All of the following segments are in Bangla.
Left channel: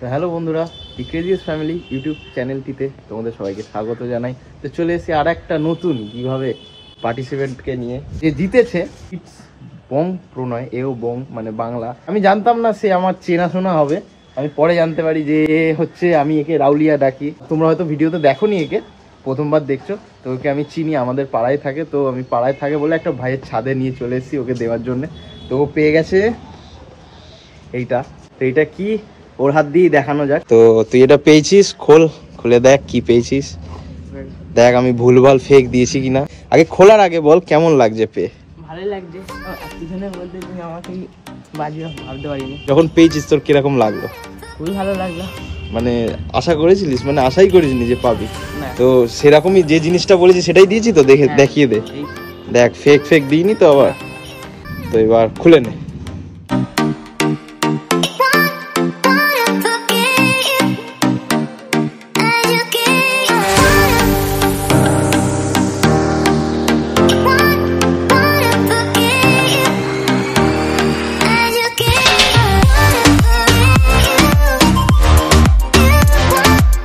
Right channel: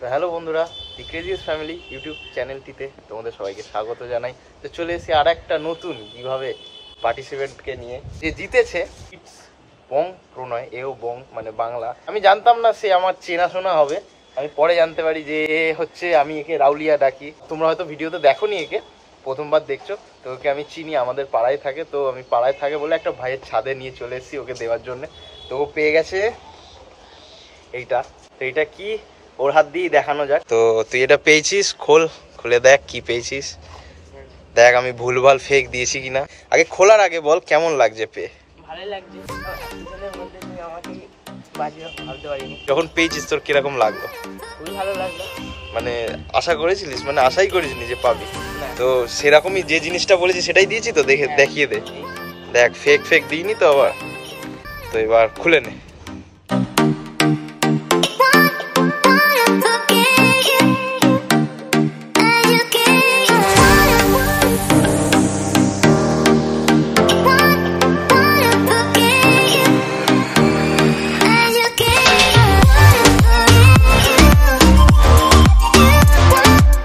তো হ্যালো বন্ধুরা, দি ক্রেজিয়াস ফ্যামিলি ইউটিউব চ্যানেলটিতে তোমাদের সবাইকে স্বাগত জানাই। তো চলে এসেছি আর একটা নতুন কিভাবে পার্টিসিপেন্টকে নিয়ে, যে জিতেছে ইটস বং প্রণয়, এও বং মানে বাংলা। আমি জানতাম না সে আমার চেনাশোনা হবে, আমি পরে জানতে পারি যে হচ্ছে আমি একে রাউলিয়া ডাকি। তোমরা হয়তো ভিডিওতে দেখোনি, একে প্রথমবার দেখছো। তো ওকে আমি চিনি, আমাদের পাড়ায় থাকে। তো আমি পাড়ায় থাকে বলে একটা ভাইয়ের ছাদে নিয়ে চলে এসেছি ওকে দেওয়ার জন্য। তো ও পেয়ে গেছে এইটা। তো এইটা কি ওর হাত দিয়ে দেখানো যাক। তো তুই এটা পেয়েছিস, খুলে দেখ কি পেয়েছিস। দেখ আমি ভুলভাল ফেক দিয়েছি কিনা। আগে খোলার আগে বল কেমন লাগছে পেয়ে। ভালোই লাগছে, এতদিনের মধ্যে তুমি আমাকে বাজিয়ে ভাবতে পারিনি। যখন পেয়েছিস তোর কিরকম লাগলো? খুবই ভালো লাগলো। মানে আশা করেছিলিস? মানে আশাই করিসনি যে পাবি? না। তো সেরকমই যে জিনিসটা বলেছি সেটাই দিয়েছি তো, দেখে দেখিয়ে দে। দেখ ফেক দিইনি তো আবার। তো এবার খুলে নে।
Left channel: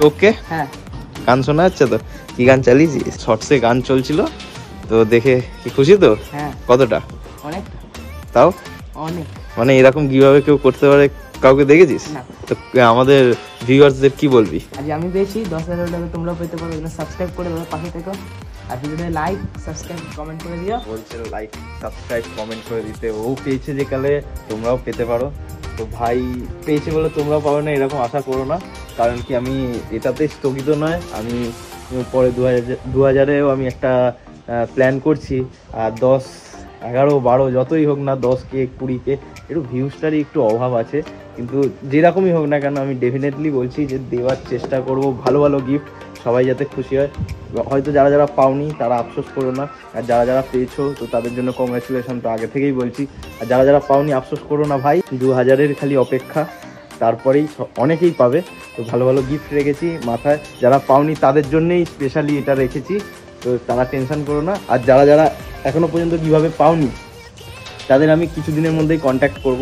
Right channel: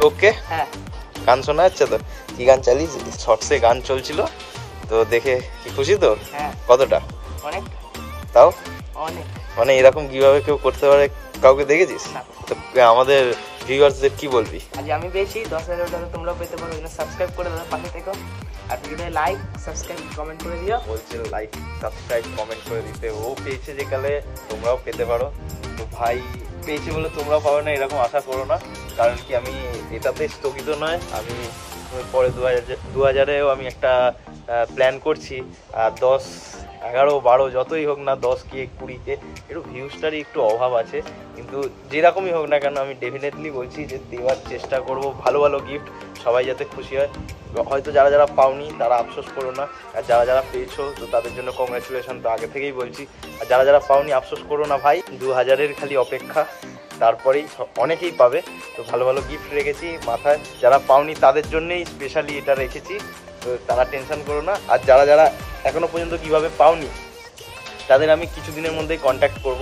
ওকে, হ্যাঁ, গান শোনা যাচ্ছে তো? কি গান চালিয়েছিস? শর্টসে গান চলছিল তো, দেখে কি খুশি তো? হ্যাঁ, কতটা? অনেক তাও অনেক। মানে এরকম কিভাবে কেউ করতে পারে কাউকে দেখেছিস? না। তো আমাদের ভিউয়ার্সদের কি বলবি? আজ আমি পেয়েছি, 10,000 টাকা তোমরাও পেতে পারো। সাবস্ক্রাইব করে দেবে পাশে থেকে, আর ভিডিওতে লাইক সাবস্ক্রাইব কমেন্ট করে দিও। বলছে লাইক সাবস্ক্রাইব কমেন্ট করে দিতে। ও পেয়েছে যেকালে তোমরাও পেতে পারো। তো ভাই পেয়েছে বলে তোমরাও পাবে না এরকম আশা করো না। কারণ কি আমি এটাতে স্থগিত নয়, আমি পরে 2000-এও আমি একটা প্ল্যান করছি। আর 10, 11, 12 যতই হোক না, 10K 20K একটু ভিউজটারই একটু অভাব আছে। কিন্তু যেরকমই হোক না কেন আমি ডেফিনেটলি বলছি যে দেওয়ার চেষ্টা করব, ভালো ভালো গিফট, সবাই যাতে খুশি হয়। হয়তো যারা যারা পাওনি তারা আফসোস করো না, আর যারা যারা পেয়েছো তো তাদের জন্য কংগ্রাচুলেশন তো আগে থেকেই বলছি। আর যারা যারা পাওনি আফসোস করো না ভাই, 2000-এর খালি অপেক্ষা, তারপরেই অনেকেই পাবে। তো ভালো ভালো গিফট রেখেছি মাথায়, যারা পাওনি তাদের জন্যই স্পেশালি এটা রেখেছি। তো তারা টেনশন করো না। আর যারা যারা এখনো পর্যন্ত কিভাবে পাওনি তাদের আমি কিছুদিনের মধ্যেই কন্ট্যাক্ট করব,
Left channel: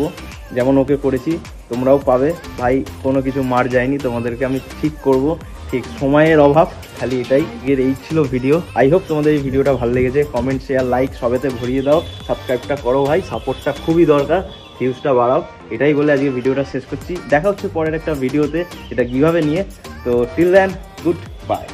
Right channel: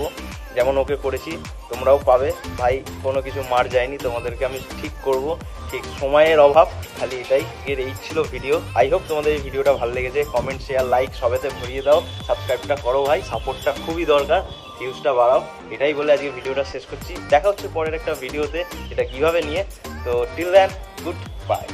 যেমন ওকে করেছি। তোমরাও পাবে ভাই, কোনো কিছু মার যায়নি, তোমাদেরকে আমি ঠিক করব। ঠিক সময়ের অভাব, খালি এটাই। এই ছিল ভিডিও। আই হোপ তোমাদের এই ভিডিওটা ভালো লেগেছে। কমেন্ট শেয়ার লাইক সবেতে ভরিয়ে দাও, সাবস্ক্রাইবটা করো ভাই, সাপোর্টটা খুবই দরকার, ভিউজটা বাড়াও। এটাই বলে আজকে ভিডিওটা শেষ করছি। দেখা হচ্ছে পরের একটা ভিডিওতে, এটা কিভাবে নিয়ে। তো টিল দেন, গুড বাই।